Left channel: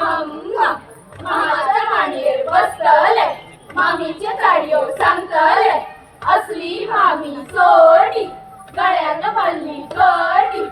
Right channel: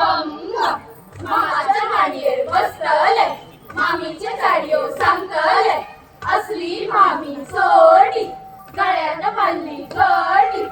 गंग मामाच्या मांडीवर बसतले मामीचे चाडियो सांगतले असली मामी सोडी गळ्यात बांधली कडी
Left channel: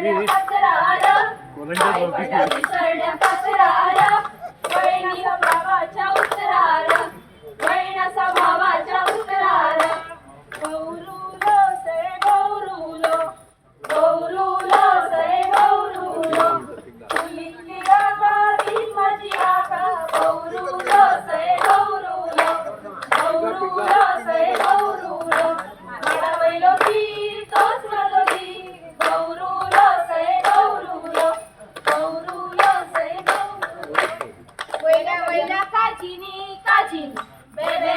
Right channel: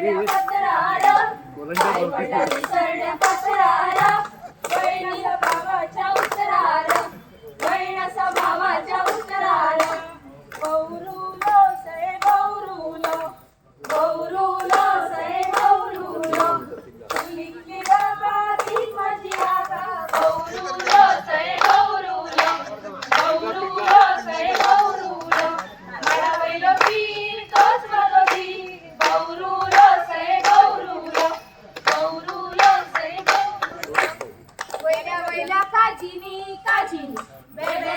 सरड्या पात्रारा Thank bebe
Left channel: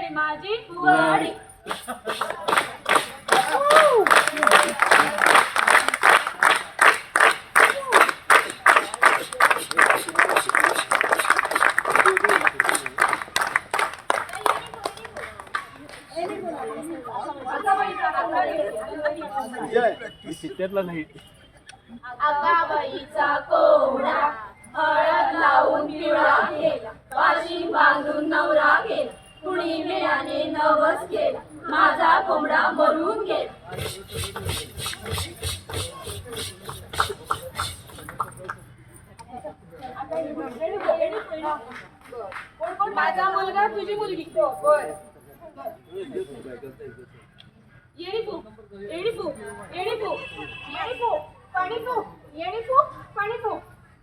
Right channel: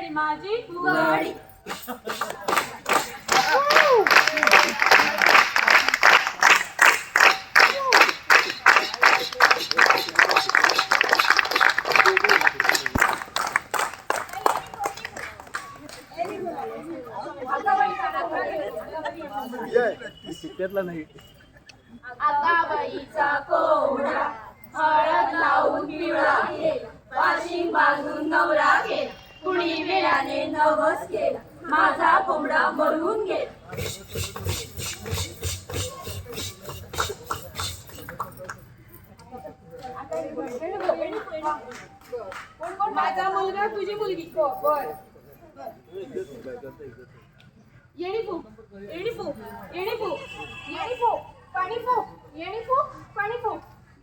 ni bebe ni त्यातला नाही. आगाबाईचा कोंबडा हळद लावून पिवळा केला. पाशिंग बांधून नवरा केला. कुणी वेळाने नवस केला. माझा कोंबडा मरून गेला. माझा मुलगा तुझी मुलगी. फू येडी फू येडी फू येडी फू पाणी फू येडी फू पाणी फू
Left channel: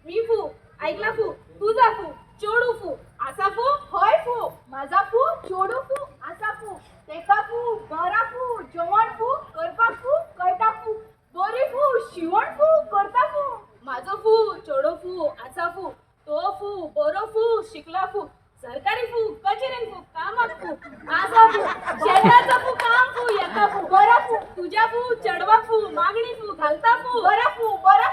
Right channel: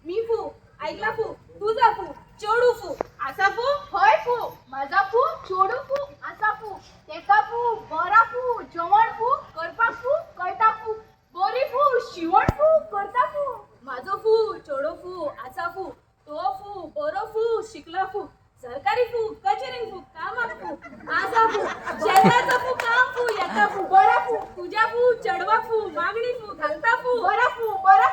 मी फू ऐकला फू तुझा फू चोडू फू असा फू होय फू माझा फू छोडू फू असा फू तेका फू बरा फू जेवण फू करपा फू कळटा फू बरी फू शिवण फू करता फू. माझो फू चोडो फू असा फू तो फू बरो फू शिकला फू सरकारी फू कचेरीन फू कामाक फू आसा फू शेताचा फू काम फू येता फू बरा फू तुझ्या फू चढवा फू मागणी फू घालता फू बरा फू बरा